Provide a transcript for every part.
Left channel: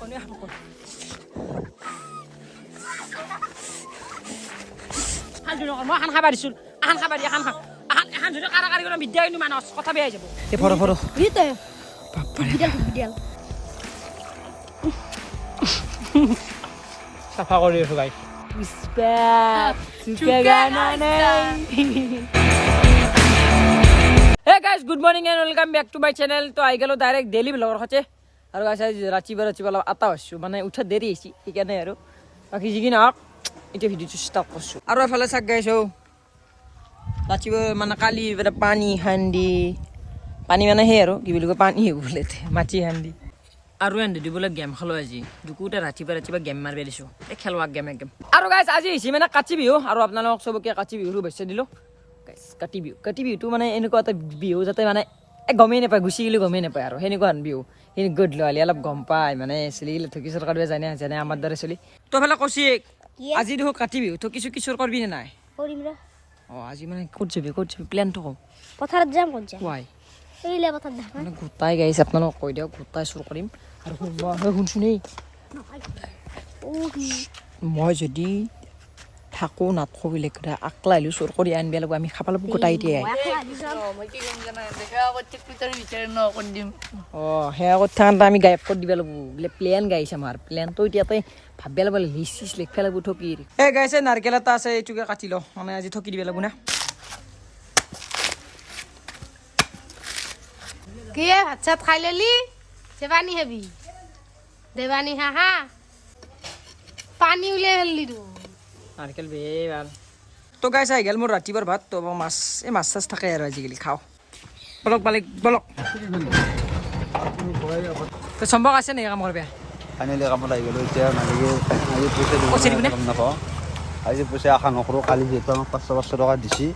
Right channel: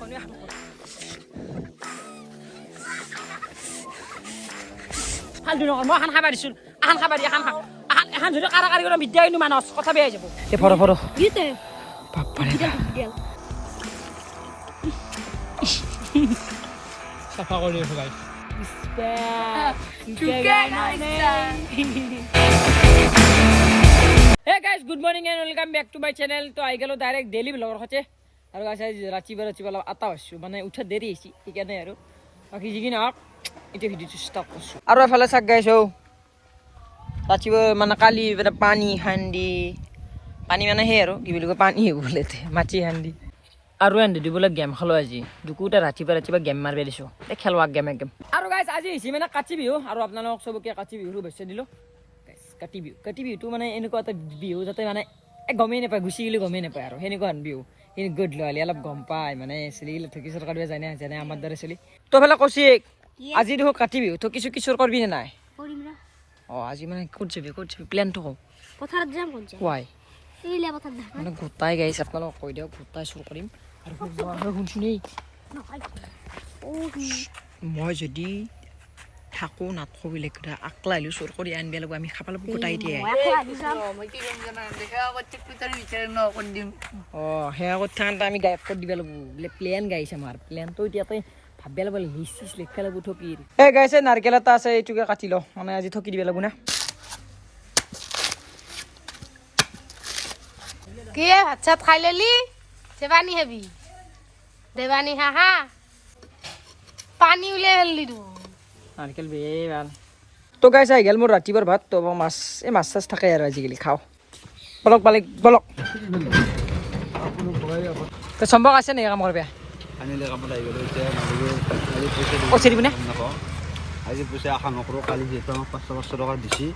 এখনই আনকো হালদু ন মই খান খাবা দিছিল আহান খাবা দি আহান খা আহান যদি কাৰাকাৰি কৰি বিদ্যা ইনো মানস কথা বেয়া যাব এ ফৰ ফৰ দিতে বাপৰে সাফা কৰি আছো guys Hey guys, good morning and welcome back to my channel. তো আই গেল ডাইরেক্ট ডেইলি ব্লগৰ হতে আৰু গাইস আজি ৰাতিপুৱা আটা হৈছো মানে উঠা দেৰি হৈছে সেইকাৰণে আৰু বাকি যিকি নহওক এটা ভিডিওটো ষ্টাৰ্ট কৰিছো আৰু এফালে চাক গাইস ৰাতিপুৱা মানে কালি পানী হান্দি পানী মানে হে আৰু কি বুলি কয় পানী বলেতে মাটি হান্দি আৰু এন্ড দিবলৈ গেম খেলো আজি দুকুটা ৰাতিপুৱা গেম মাৰবে দিছো এই খেলৱা গেম আৰু গাইস আজি হৈছে মানে কাটি বিহু আৰু আপোনালোক সবকে কাটি বিহুৰ শুভেচ্ছা দিলো গাইস কাটি বিহুটো মানে এনেকুৱা এটা বিহু যাতে মানে গমেই নাপায় গুচি গ'লে গমেই নাপায় আৰু সেনেকুৱা বিহু সেই গড লয়ালি অলপ গম পায় মানে চলিলে থকি চৰকাৰ যায় না জানে আমাৰ দৰে চলি তো ফেলে কছি আজি দেখো কাটি বিহু থকি কিশোৰ কৰবি নে নাই কৰিম ৰ আজি মানে ক'ত যাবি প্ল্যানটো কও পথাৰত যাম কোন যা ওয়াই কৰিলে পথাৰত যাম মানে গোটাই গাইছ আপোনালোক কৈ দিও গোটাই চুৰ কৰিম আৰু মই শুনছি নেই মই যদি থাকো নাথকো বেলেগ কথা আকলা আহিলো চোৰ কৰি আনিব লাগিব আমি খাব লাগিব গোটাই দিয়ে সেয়া কথা আমি গায়ব কৰি দিব লাগিব বোলে প্লেন গাইছে আমাৰ প্লেনটো এতিয়াতে ভাবিব লাগিব লিচিছ লিখিব লাগিব থকি এই গাইছে নাৰকেল এটা আছে এইটোকে কাটি ল মানে আজি থকি দিব লাগিব না কি ভাত চাত খাই ললি দেৱানী হেবি দেৱানী হা পানী উলিয়াই ফেললি তো নারকেল বে ভাল তো গাইস আই গেল মোর রাতিবার ভাত তো মাছ এই মাছ চাছ থাকে আর আজিকালি খাও বলক তো সম্ভব আছে নে কাম করবে আনিলে কামত আহি গ'লো এতিয়া নালাগে পইচা দিবি নে নাপাওঁ আজি পইচা আশা নকৰোঁ কালি যিহেতু আমাক 500 টকা দিছি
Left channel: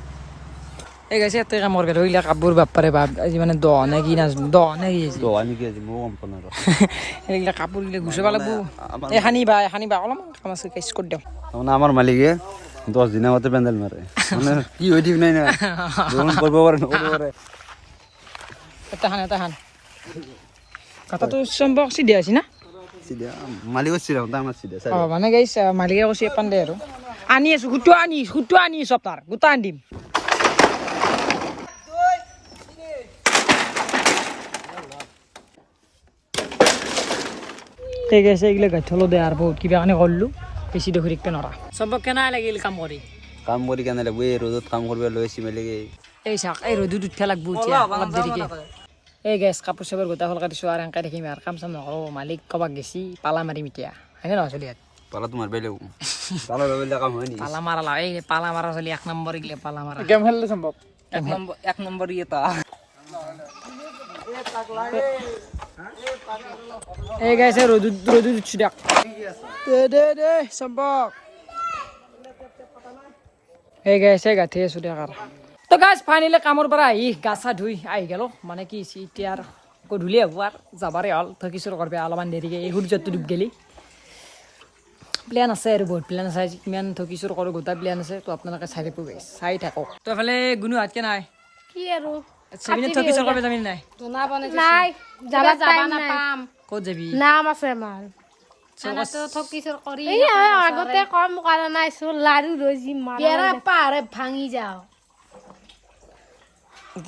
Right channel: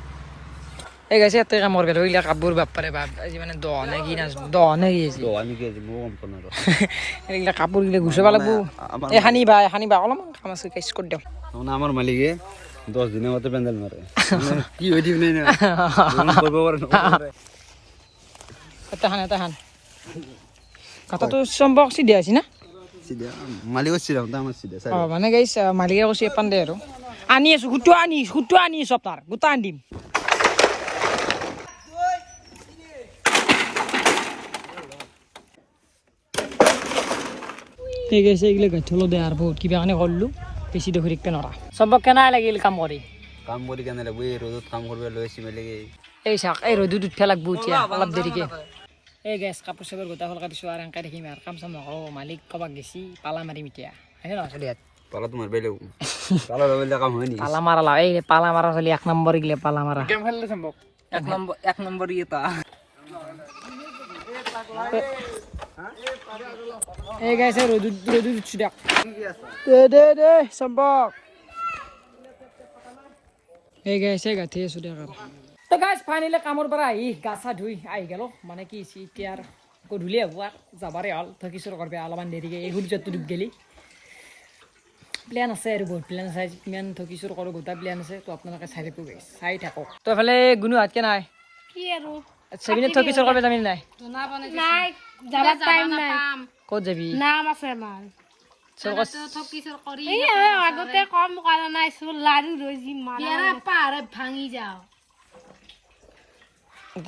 এই গাইছে এত কাম করবে রইলা কাপড় বাপারে বাপ আজি মানে দনে কি না দনে কি তো আনিকে মই গম পোৱা নাই এইগিলা কাপড় গিলা গুছাব লাগব এই হানি বা অলপ কাম আছে কেছ কৰি দিও মানে আমাৰ মালিকে 10 দিনৰ আগতে পেণ্ডেল মাৰে কি হৈ দিব নাই না কৰিব পাৰে এটা হান কথা তো সম্ভব সিধা আছে না সিধা মালিকৰ চিধা আমাৰ চিধা মানে গাইছ মালিকে কৈছে পাণ্ডে আৰু আনি আছো গুটো আনি সপ্তাহ গোটা আনি দিম এই গেছে এইগিলা গাঠলো দে আর বহুত কিবা কানে করলু বেশি দেখি দেখতে নরা সব কেনা লাগিল কাম কৰি কেনে লাগব এই ৰ'দত কাম কৰিব লৈছি মেলেগে এই চাক এই ৰ'দত উঠা লাগব এতিয়া অলপ দেৰিকে এই গেছ কাপোৰ চাপোৰ গোটা হলকা দিছো আৰু এনকা দেখিম আৰু কাম চাম নকৰো মালিক কবাক গেছি পালা মাৰিম এতিয়া হয়নে নহয় চলি পালা তোমাৰ বেলেগ পালা বেলেগ কাম হয় নি পালা মাৰা লা এই পালা মাৰা চলি এক নম্বৰ গিলে পালা মাৰা গেম খেললে সম্ভৱ এক নম্বৰ এটা এই গাইছে রোদ উঠছি দেখ দে সম্ভব এই গাইছে গাঠি আছো দেখ আর তো গাইছ ফাইনালি কামৰ পৰা আহি গাছা ধুই আহি গেল মানে কি এতিয়া আৰ গধূলি হব আৰ যাবাৰে হল থকিছৰ কৰবে অলপমান দেৰিকে এই সূৰ্যটো ডুব গেলি প্লেন আছে আৰু বহুত প্লেন আছে কিমান থকিছৰ কৰো গোটা প্লেন আছে তো আপোনালোকে চাই থাকো গাইছ চাই থাকক তো এফালে গুণু হাত কে নাই কি আৰু সেবিনে থকিছৰ কৰবে যাবি নাই নাই যাবা টাইম নাই ক'ত যাবি নাম আছে আমাৰ এই আগতে কম কৰা নাই চোন লাৰু ৰজি মাৰা পাহাৰে ভাঙি যাও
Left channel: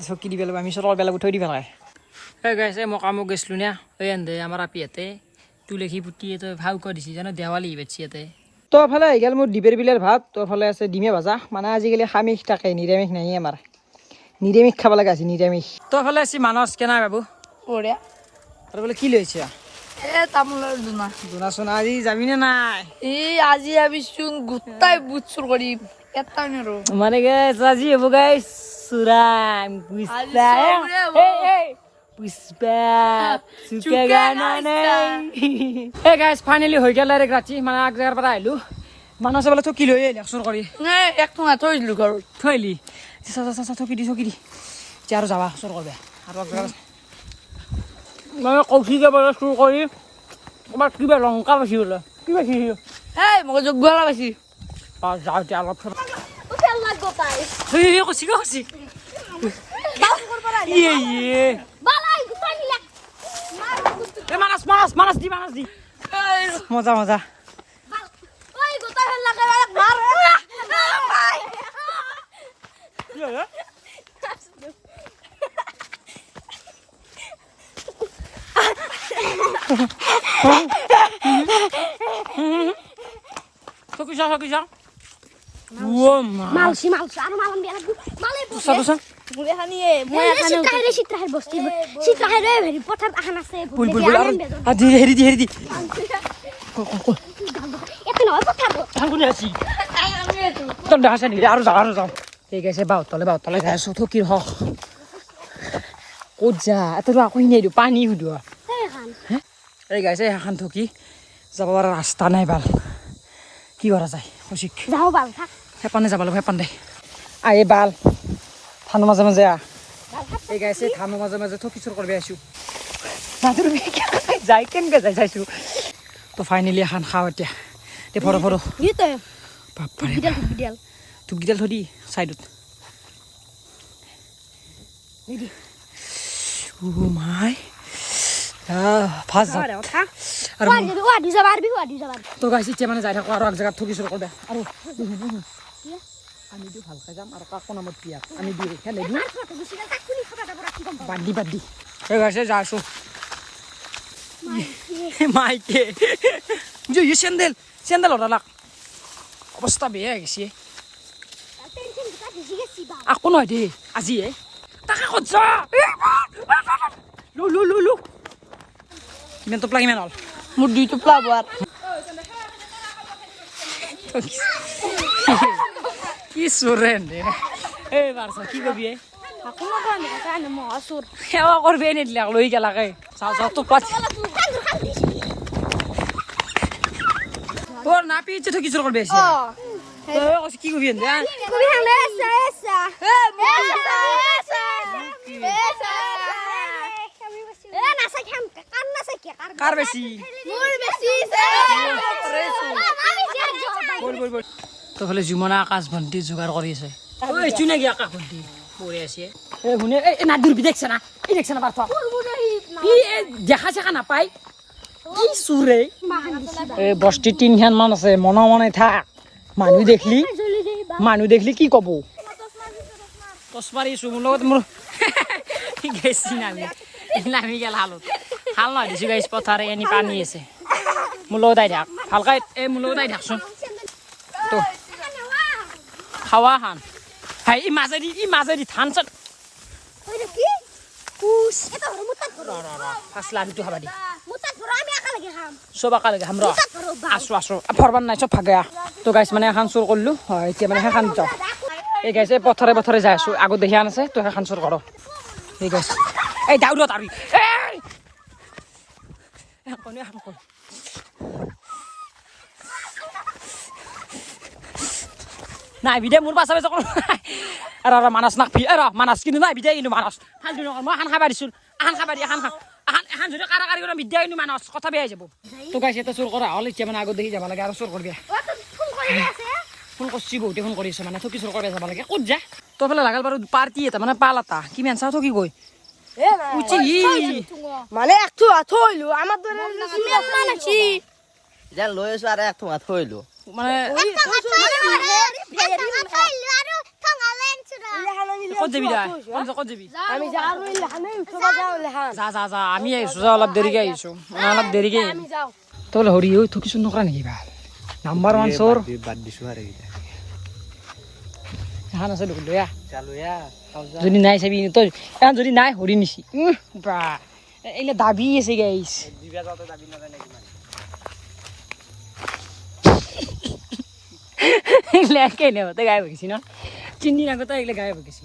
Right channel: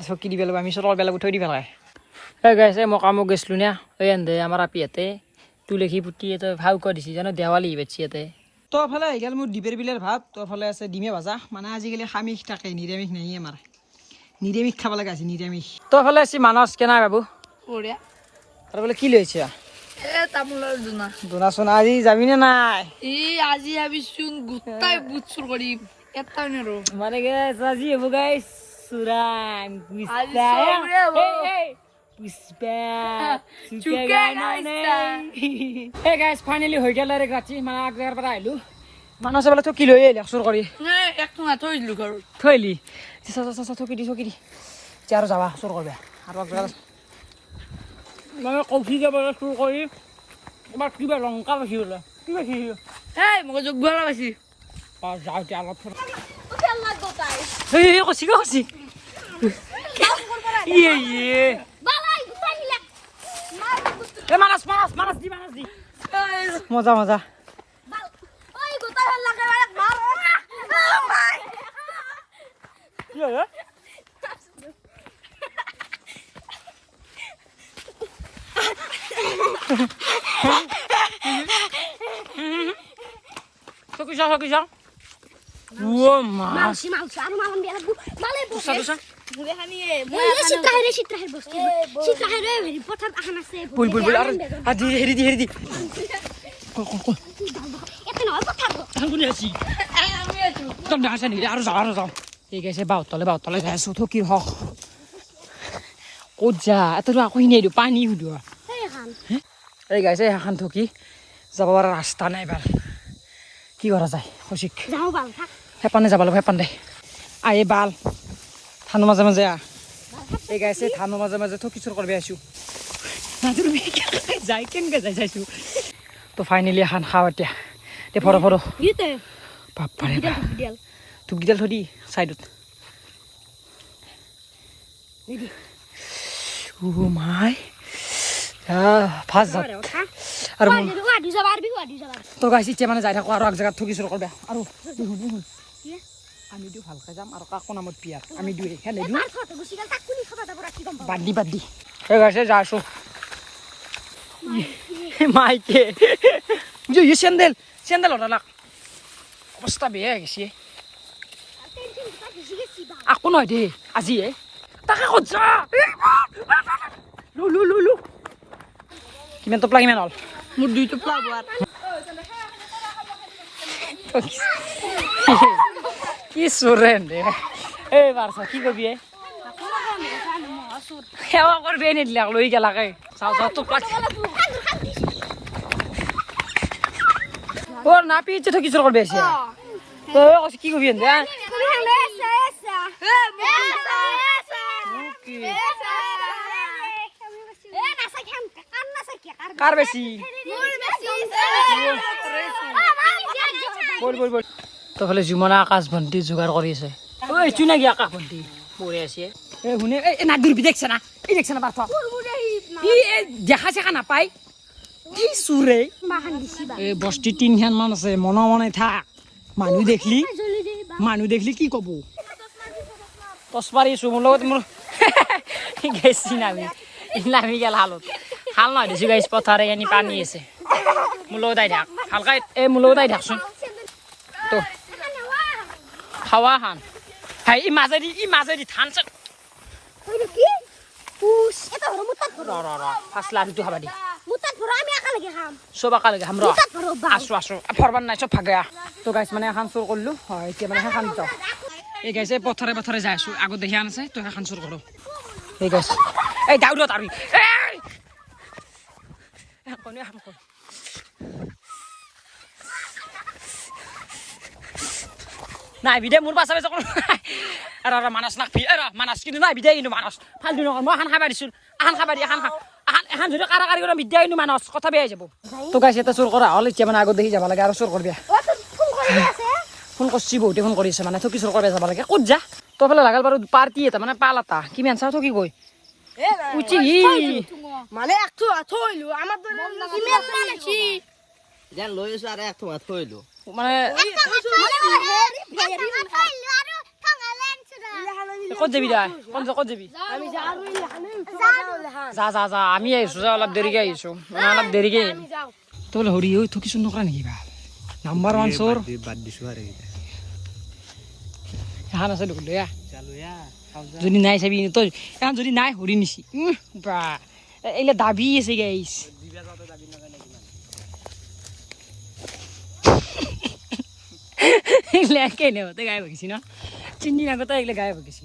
চকি দিব লাগিব আমি চলৰ বেলা উঠাই দিব লাগে এই গাইছে মই কামো গৈছিলোঁ না এই এন্দে আমাৰ আপিয়াতে তুলসী পুতি তো ভাও কৈ দিছে জানো দেৱালী বেছি ইয়াতে তো এফালে আহি গ'ল মোৰ ডিবেৰ বিলাৰ ভাত তো এফালে আছে ডিমে ভাজা মানে আজিকালি সামিষ থাকে নিৰামিষ নাই আমাৰ নিৰামিষ খাব লগা আছে নিৰামিষ তো এফালে আছে মানস কেনা বাবু বঢ়িয়া আৰু বোলে কি লৈছে তামোলৰ দুনা দুনা চোনা আজি যাবি নে নাই আজি ভাবিছোন গোটাই বুট চুৰ কৰিম এটা নেৰো মানে গাইছ আজি হ'ব গাইছ চুৰাম এই গাইছ ফাইনেলি হৈ গ'ল আৰু ৰাতি মানে এক জেগাৰ পৰা আহিলোঁ মানুহ চাবলৈ থকি লৈ আহিলে চুৰ কৰি এক টঙা থৈ দিলো ঘৰত থৈ আহিলি থকি দি এতিয়া আৰু যাবা চুৰ কৰবা আৰু এক জেগাত মানে কৌশিকে বাৰু চুৰ কৰি ক'ৰবাত কিবা লংকা পাইছি বোলে কি পাইছি এই মই যোগবালা পাইছি যাওঁ এতিয়া অলপ কচি ইয়ে মানাস দি মজা মজা ওই গোটা হেল লাগে এক ভার কি হলো সকি যা ও মা মালসি আর মালাম বিয়া লাগু মালে তুসা সিট্রাহের বস্তি সিট্রাহের ভেরি পথার আখান আছে বুল আর দি হেরি দি কল এত নয় পথার আঙ্গুনি আছি তোর ডাসা নি আর যাও ঠিক আছে বাও তলে যাইছো থকির হক ক'ত যা এত আকৌ হিনে দিও পানী হুদো এই গাইছে এখন থকি যাব পৰা ৰাস্তা নাই ভাল কি কৰা যায় কৌশিক যাও বাল থাক হেপানে যাব লাগিব হেপান দে আহে বাল ধানৰ মাজে মাজে এই গাইছে ধানৰ মাজে মাজে থকি চুৰ কৰিব আছো নাজৰ যাই কেনেকৈ যাই চাইছো তো ফাইনেলি এখন খাওঁ এতিয়া দে ফৰ দিতে বাপাৰে বিডিয়াল ধূপগিডাল থৈ দি চাইডত ও মাই ফাৰ্ষ্ট যাত আৰু ওয়াদি যাবাৰ তোৰ গাইছে এতিয়া মানে যাই থাকো আৰু এক জেগাত থকি চুৰ কৰবা আৰু আমি দিওঁ ভালকৈ যাম আৰু কাকো নামত পিয়াৰ আমি দিওঁ খেলে দিওঁ বাদ দি এই গাইছে যা আছো মাইকে বুঝো চেন্দেল ওলালাক অৱস্থা বেয়া হৈ গৈছে আকৌ নহয় দেই আজিয়ে তাকে ক'ত যা লো কিমান টোপলা কিমান হ'ল মোৰ 2 টোপলা হ'ব আৰু কি চোৰেন দে এই বাৰছা কি কবি সেৱা কৰবি নিদিলাক লৈ গেলাকে চাওঁ টোপলা ওর না পিছে তো কিছু করবে এসে তো কি কবি দে কার বেশি বল তো ফলে জুমনা আকাশ ভন্টি জোগাড় কৰি আছে ওই চুনা কি আকাশ ভন্টি পড়ে আছে এ হুনে এ না দুরবি দেখছ না এই দেখছ না বারফা ই দেখা দেখা না পাই কি সুরে এ বস্তি তিনখান মান আছে মনে থাক মানুহ দেখলি কি কব টচ মাৰিছো মোৰ লগত মোৰ গেছি নামি গেল হালত হাল নহয় দিছো গাইছ পথাৰে এনি পানী আছে মোৰ লগত আই থাক ভালকৈ মোৰ লগত আই থাকচোন তো খাৱা খান হাই ই মাজেদি ধান চান ফাৰ্ষ্ট লাভিটো খাবা দি চব একেলগে খাম ৰ আছো ফৰবাৰ নাই চব ভাগে তো গাইছ মানে এখন চুৰ কৰিলো এতিয়া মানে সেইখন যাওঁ এই গাইছে পথৰে যাই আছো আগত দেখি আন আছে তো সেইখন চুৰ কৰ এই গাইছ এই দাউদ তাবি নাই বিদে মোৰ পাছে আৰু মানাছ নাকপি মানাছ কিন্তু নাই বিদে কিন্তু মানাছ ফালতু নকৰ মই এখন খাবা দিছোঁ এখন যদি কাৰাকাৰী কৰা বিদ্যা কিন্তু মানাছ কথা বেয়া যাব তো গাইছে এটা চুৰ কৰা হ'ল এতিয়া মানে আগত দেখি যাব লাগে আৰু চুৰ কৰিবি ফোন কৰছি বহুতে ফোন কৰিছে মানে থকি চুৰ কৰি যাব লাগে ক'ত যা তো ফেলে লাগাল বাৰু পাৰ্টি এটা মানে পাল এটা কিমান চা থকি গৈ উচি মানে একটু থইলো আমার দরে ইমেল মানাছি যেন লৈ আছো আৰু এক ঠোঙা থৈলো মানে ক'ত যাবি দা ক'ত যাবি আমি যা আর লেখানে উঠবা যাও লেখা যা আমি আহিছো অলপ দেৰিকে আহিছো মানে অলপ দেৰিকে তো বলে হৰি ঐ থকি চুৰ নকৰা নেকি ভাল নাম্বাৰ 1 চোৰ বাদ দিছো আৰু এখন আছে দেখোন লৈ চালো যদি নাই চাবি তই এখন যদি নাই হৰি নিছি বা এইলে দাবি আছে গাইছ এইলে কেনে হতে গায়ব হৈ গৈছি ন চিনি আগতে এইলে গায়ব হৈ গৈছি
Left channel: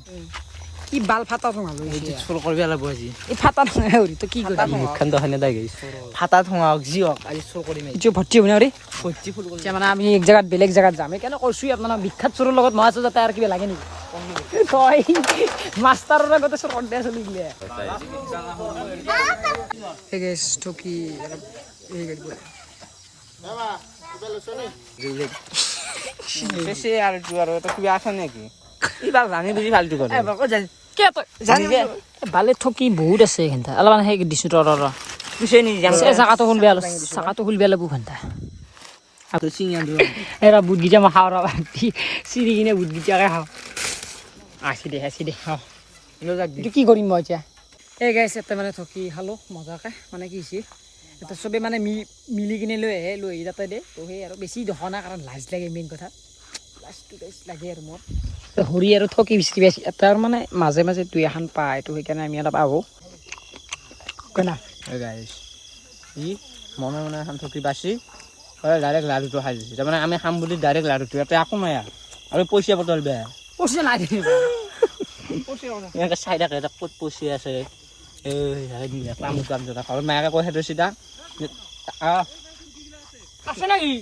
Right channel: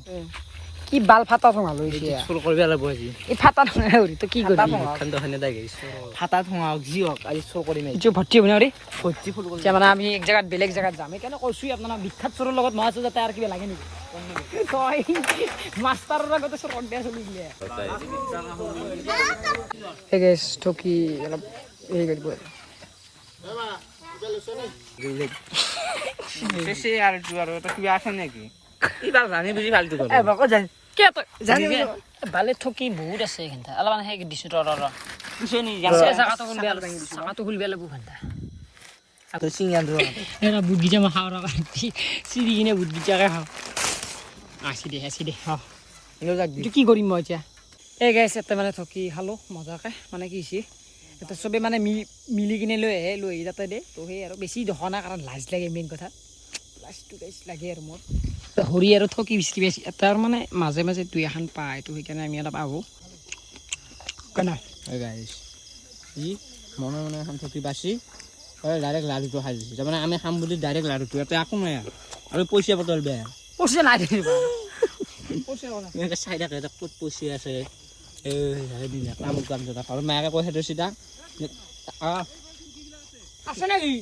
কি বাল ফাটা ঠোঙা লৈছে চুৰ কৰিবি অলপ আজি এই ফাটা ঠোঙা হৰি তই কি কৰিবি মুখখন দহনে দাই গৈছে ফাটা ঠোঙা যি হওক আজি চুৰ কৰিম এইটো ভৰ্তি হ'ব নে ভৰ্তি ফুল কৰি এতিয়া মানে আমি এক জেগাত বেলেগ জেগাত যাম সেইকাৰণে কৈছোঁ আপোনাক বিখ্যাত চোৰৰ লগত মই আছোঁ যাতে আৰু কিবা লাগে নেকি তই মাষ্টাৰৰ আগতে চোৰ কৰি দিয়া চলি দিলে এই গেছ ঠকি অলপ হেৰি কৰিব বেছি আৰু যোৱাৰ তো কিবা আছে নেকি এইবাৰ জানি বুজি ফাল্টি কৰে ভালে ঠকি বহুত আছে এইখিনিতে অলপমান সেই দিছোঁ ৰ জাগাটো খুল বেয়া চাকাটো খুল বেয়া লাগব ঘণ্টা এৰা বুট গিজা মই খাওঁ ৰবা চিৰি কিনে বুট গিজাকে খাওঁ আছি দে খাওঁ এইটো কি কৰিম মই এতিয়া এই গাইছ এটা মানে থকি খালোঁ মজাকে মানে কি হৈছে এটা চবে মানে মিলি কিনে লৈ আহি যাতে দে তো সেই আৰু বেছি দেখা নাই কাৰণ লাজ লাগে মেইন কথা লাজটো গাইছ লাগে আৰু মোৰ হৰি আৰু থকি বিচৰি পাইছে এটাৰ মানে মাজে মাজে দুই এখন পায় তো সেইকাৰণে আমি অলপ আহোঁ কেনা গাইছ ই মনে মনে এখন থকি বাচি ডাইৰেক্ট লাড়ুটো খাই দিছে তাৰমানে আমি খাম বুলি ডাইৰেক্ট লাড়ুটো ইয়াতে একো নাই আৰু পইচা বটল বেয়া পইচা নাই এনেকৈ চাই থাকে ক'ত পইচা আছে তামোল কাম জনা ঘৰত মায়েকে কৈ সেইটো চিধা আছে নাকি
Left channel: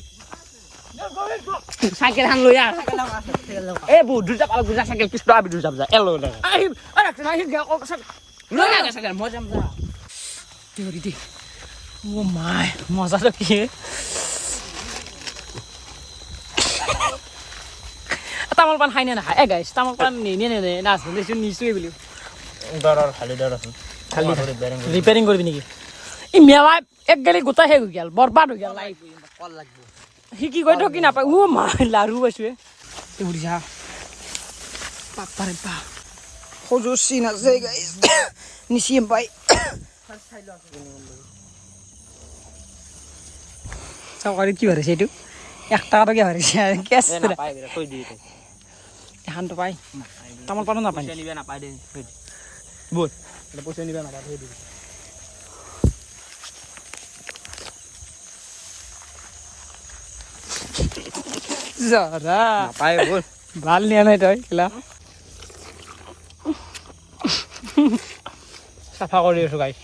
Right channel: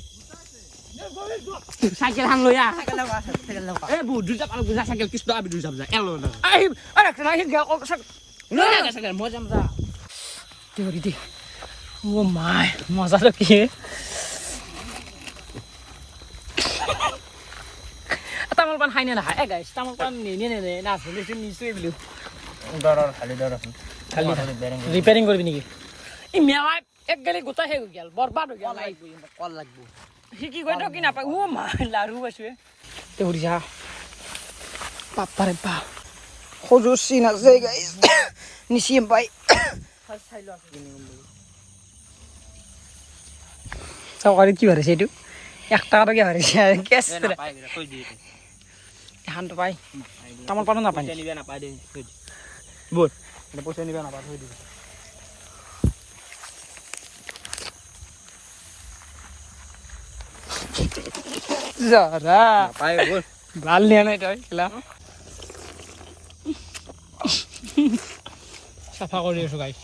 চাইকেল এখন লৈ আহ এই বহুত দূৰ যাব গুজা চাইকেল কৃষ্ণ আবি দূৰ যাব যা এল চাইকেল মই যাম যা দে ও মাই মজাটো কি তামোল পাণ খাই নে নাখায় এ গাইছ তামোল পাণ নে নাচোন নিশ্চয় বুলি খালি দৰ আছে খালি ৰিপেয়াৰিং কৰিবি নেকি ই মেলা এক গেলি গোটাই শেষ হৈ গ'ল বৰবাদ হৈ গ'ল সি কি কৈ কি নাপায় ও মাই লাৰু পাইছোঁ তে সুধিছা বাপাৰে বাপ সজু চিন আছে গাইছ নিচিম পাই চৰকাৰী কি ভাবিছে এইটো 1 টাকাটো ভাবিছে কেছ এখানটো পাই তামোল পাণো নাপায় নাপায় দেই বল পইচা নিবা নাপায় থৈ দিব জৰা ভাল নিয়া নাই তই খেলা চাফা কৰি আছো গাইছ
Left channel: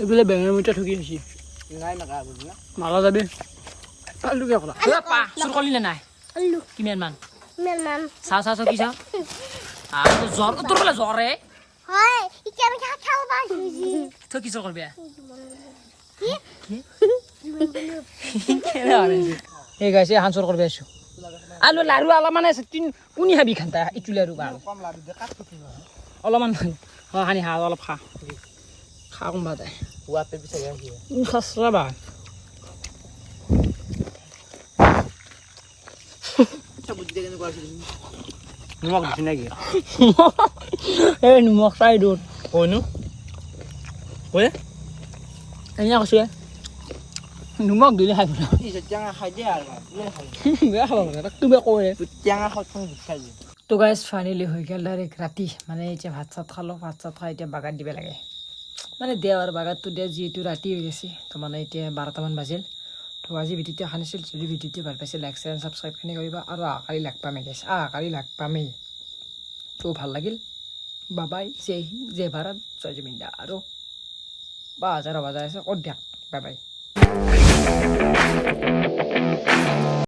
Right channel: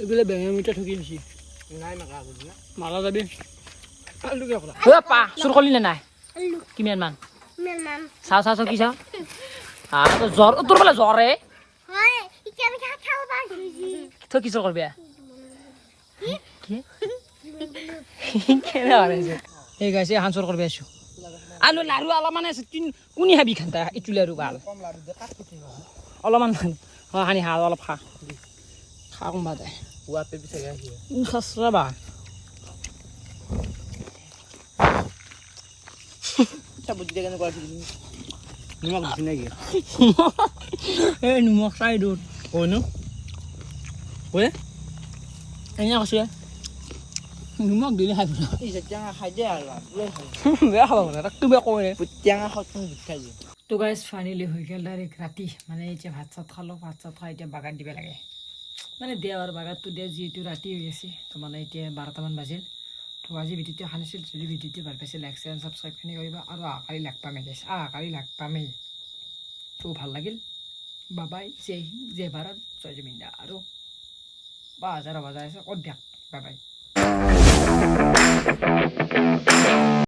এইবোলে বেঙেনা মিঠা ঠকি আছি মাৰা যাবি পা চুৰ কৰিলি নে নাই কিমান মান চাও কি চাও জ্বৰ তোৰ বোলে জ্বৰে তই কি চুৰ কৰবি এই গাইছে এখন চুৰ কৰবি আছো আলু লাৰু অলপমান আছে কোনি খাবি খান্তা ইটো লাৰু ভাল অলপমান সানি খা অলপ খা কোনোবা তাই খাচৰা বা নিমখ দিছি নেকি এই নিমখ চাই দূৰ কইনো এনে কৈছোঁ নিমখ দিলে খাই টেঙা খাই দিয়ে আৰু বেয়া খাব মানে তাক কিবা কয় টেঙা খাই খাই দিয়ে তো গাইজ ফাইনেলি হৈ গ'ল ডাইৰেক্ট ৰাতি মানে এতিয়া ভাত চাত খালোঁ ভাত চাত খাই এতিয়া বাগাত দিব লাগে মানে দেও আৰু বাগাতটো দিয়ে যিহেতু ৰাতি হৈ গৈছে তো মানে এতিয়া 12টামান বাজিল তো আজি ভিডিঅ'টো এখন আছিল যদি ভিডিঅ'টো ভাল পাইছে লাইক শ্বেয়াৰ ছাবস্ক্ৰাইবখিনি কৰিবা আৰু আকালি লাগ পামেই গাইছ আকালি লাগ পামেই তো ভাল লাগিল বাবাই জয় হিন্দ জয় ভাৰত জয় জমিন্দা আৰু বাজাৰ আছে ক'ত দিয়ক বাই বাই